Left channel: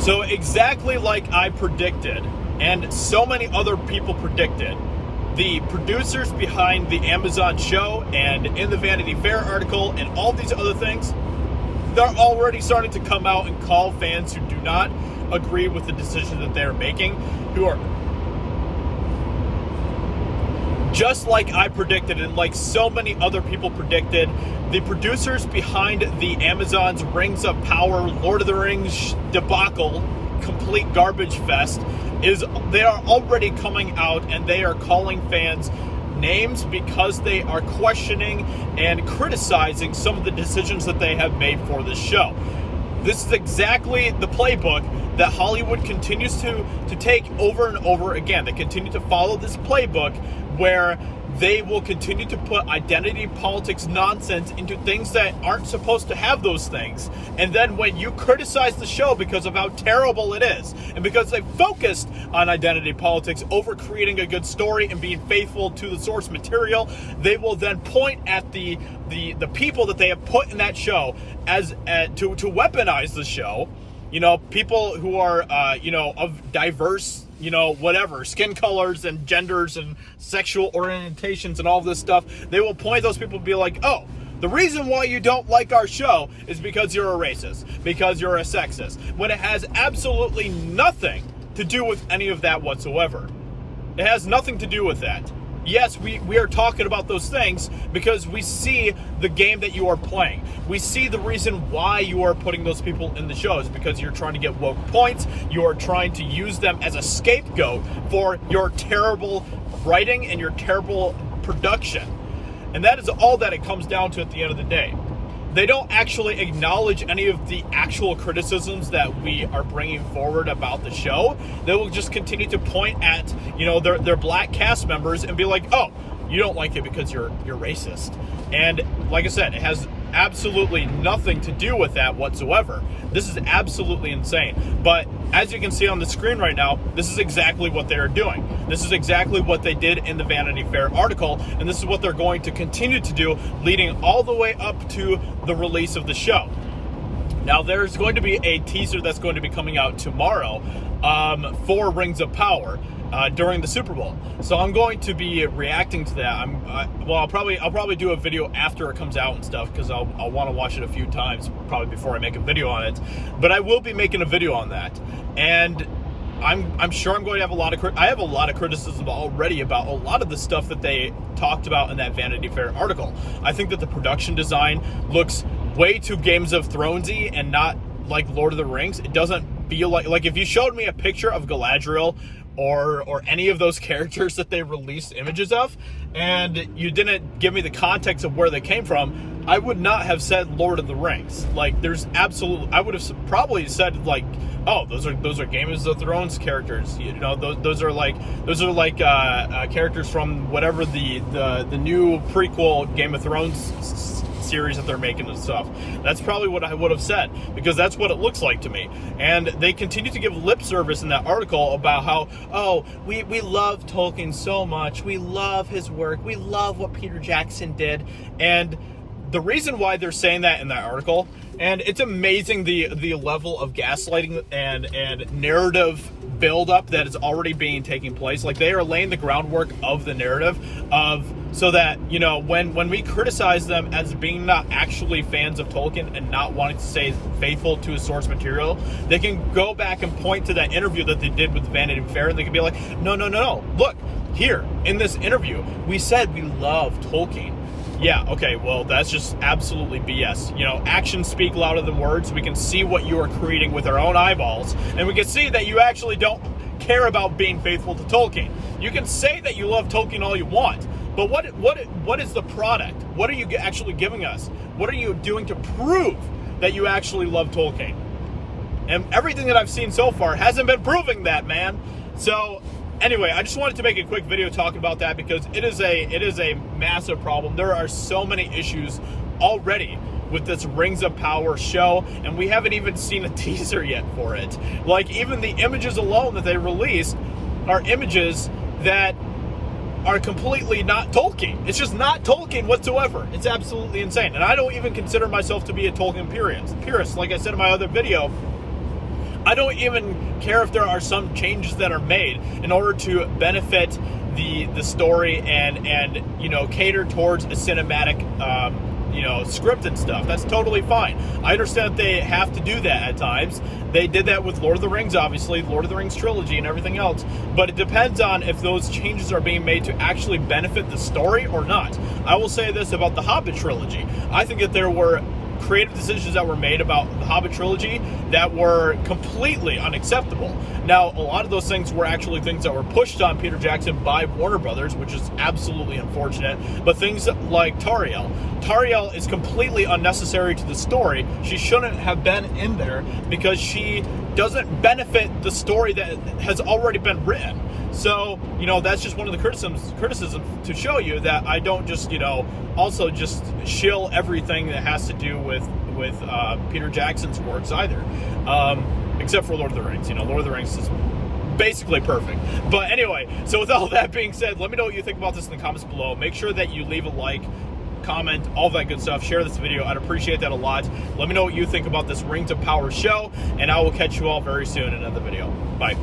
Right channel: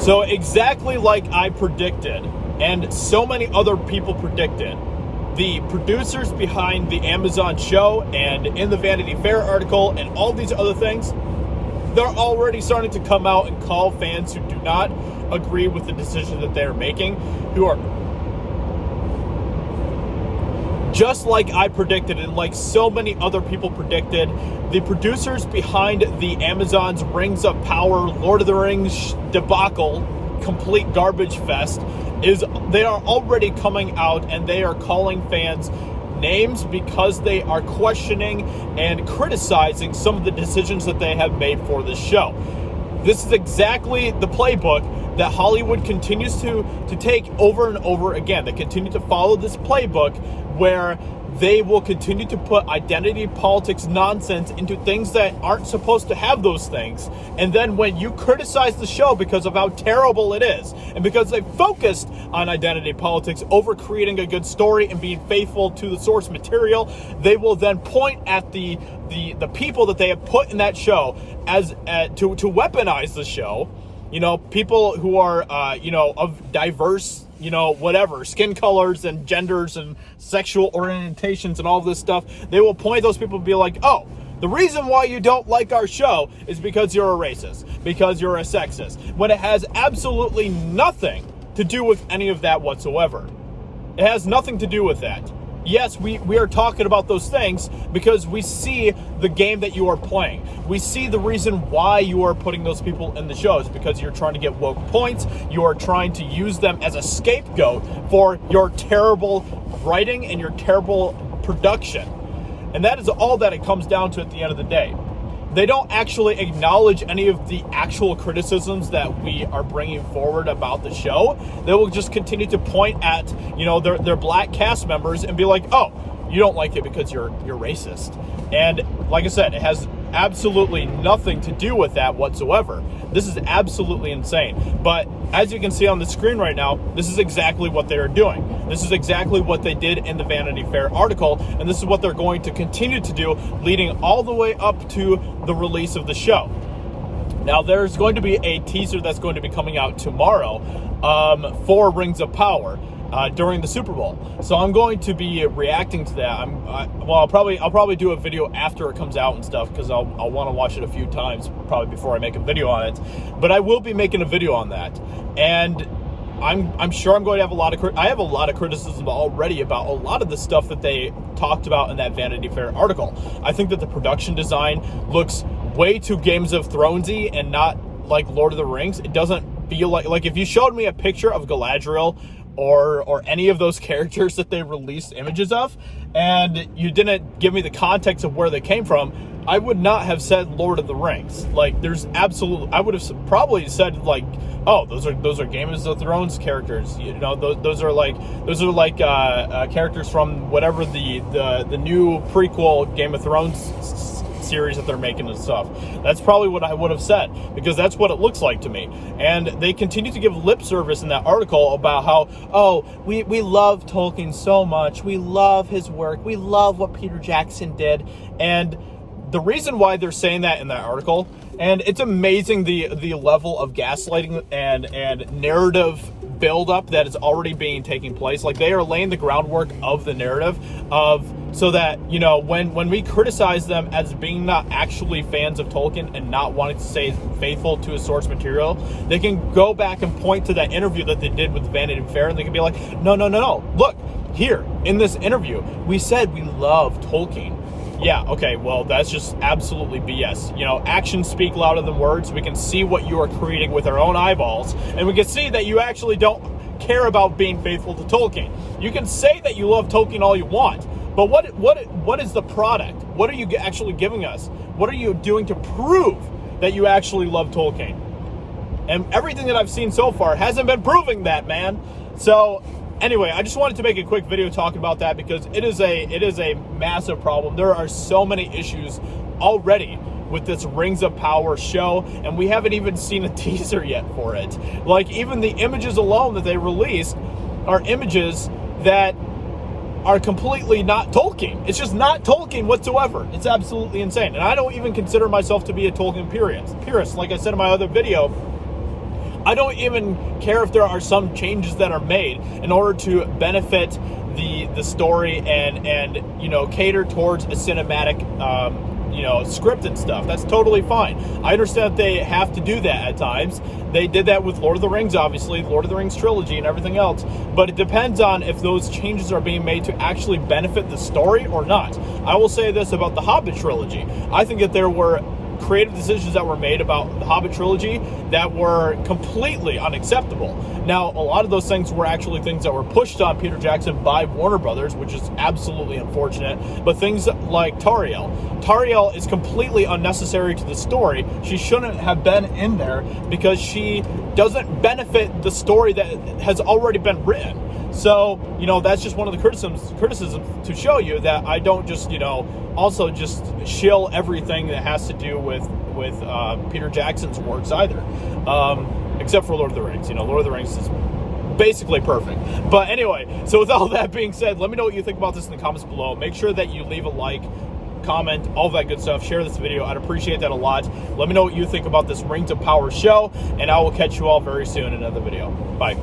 So exactly like I predicted, and so many other people predicted, the producers behind the Amazon show and in the Vanity Fair article and all these other things, they're already starting to come out and call fans who do not agree with the decision that they're making, who are just like I predicted and like so many other people predicted, the producers behind the Amazon's Rings of Power, Lord of the Rings debacle, complete garbage fest, they are already coming out and they are calling fans names because they are questioning and criticizing some of the decisions that they have made for this show. This is exactly the playbook that Hollywood continues to take over and over again. They continue to follow this playbook where they will continue to put identity politics nonsense into things that aren't supposed to have those things. And then when you criticize the show because of how terrible it is, and because they focused on identity politics over creating a good story and being faithful to the source material, they will then point at the people that they have put in that show as to weaponize the show. You know, people who are, of diverse, whatever, skin colors and genders and sexual orientations and all this stuff. They will point those people and be like, oh, the reason why you don't like our show is because you're a racist, because you're a sexist, when it has absolutely nothing to do with any of that whatsoever. It has nothing to do with that. Yes, we are talking about those things because we see the game that you are playing. We see the reason why you are putting those people in the shows, because you're trying to get woke points. You are trying to use them as a scapegoat for your terrible writing and your terrible production. And that is all that it comes down to at the end of the day. They don't actually acknowledge any of the actual criticisms that we are bringing forward about the show. They will just continue to point at, their black cast members and be like, oh, you don't like it because you're racist. And like I said, it has absolutely nothing to do with that whatsoever. This is absolutely insane. But as you can see on the screen right now, this is exactly what they are doing. This is exactly what they did in the Vanity Fair article, and this is what they're going to continue to do leading all the way up to the release of the show. Now, there's going to be a teaser that's going to be coming out tomorrow for Rings of Power during the Super Bowl. So I'm going to be reacting to that. I'll probably do a video after it comes out and stuff, because I'll want to watch it a few times probably before I make a video on it. But I will be making a video on that, and I'm sure I'm going to have I have a lot of criticism already about a lot of the stuff that they talked about in that Vanity Fair article. I think that the production design looks way too Games of Thronesy and not like Lord of the Rings. It doesn't feel like if you showed me a picture of Galadriel or any of those characters that they released images of, and you didn't give me the context of where they came from, I would not have said Lord of the Rings. Like, there's absolutely, I would have probably said like, oh, those are Games of Thrones characters. Those are like characters from whatever the new prequel Game of Thrones series that they're making and stuff. That's probably what I would have said, because that's what it looks like to me. And they continue to give lip service in that article about how, oh, we love Tolkien so much. We love his work. We love what Peter Jackson did. And the reason why they're saying that in that article, and it's amazing the level of gaslighting and narrative buildup that is already taking place. Like, they are laying the groundwork of the narrative so that, when we criticize them as being not actually fans of Tolkien and not wanting to stay faithful to his source material, they can go back and point to that interview that they did with Vanity Fair, and they can be like, no, look, here, in this interview, we said we love Tolkien. Yeah, okay, well, that's just absolutely BS. Actions speak louder than words. We can see what you are creating with our own eyeballs, and we can see that you actually don't care about being faithful to Tolkien. You can say that you love Tolkien all you want, but what is the product? What are you actually giving us? What are you doing to prove that you actually love Tolkien? And everything that I've seen so far hasn't been proving that, man. So anyway, I just wanted to make a quick video talking about that, because it is a massive problem. There are so many issues already with this Rings of Power show, and we haven't even seen a teaser yet for it. Like, even the images alone that they released are images that are completely not Tolkien. It's just not Tolkien whatsoever. It's absolutely insane. And I don't even consider myself to be a Tolkien purist. Like I said in my other video, I don't even care if there are some changes that are made in order to benefit the story and you know, cater towards a cinematic you know, script and stuff. That's totally fine. I understand that they have to do that at times. They did that with Lord of the Rings, obviously, Lord of the Rings trilogy and everything else, but it depends on if those changes are being made to actually benefit the story or not. I will say this about the Hobbit trilogy. I think that there were creative decisions that were made about the Hobbit trilogy that were completely unacceptable. Now, a lot of those things were actually things that were pushed on Peter Jackson by Warner Brothers, which is absolutely unfortunate. But things like Tariel is completely unnecessary to the story. She shouldn't have been in there because she doesn't benefit the story that has already been written. So, you know, that's just one of the criticisms to show you that I don't just, you know, also just shill everything that has to do with Peter Jackson's works either, except for Lord of the Rings. You know, Lord of the Rings is basically perfect. But anyway, so with all that being said, let me know what you think about this in the comments below. Make sure that you leave a like, comment, all that good stuff. Share this video. I'd appreciate that a lot. Let me know what you think about this Rings of Power show, and I will catch you all very soon in another video. Bye.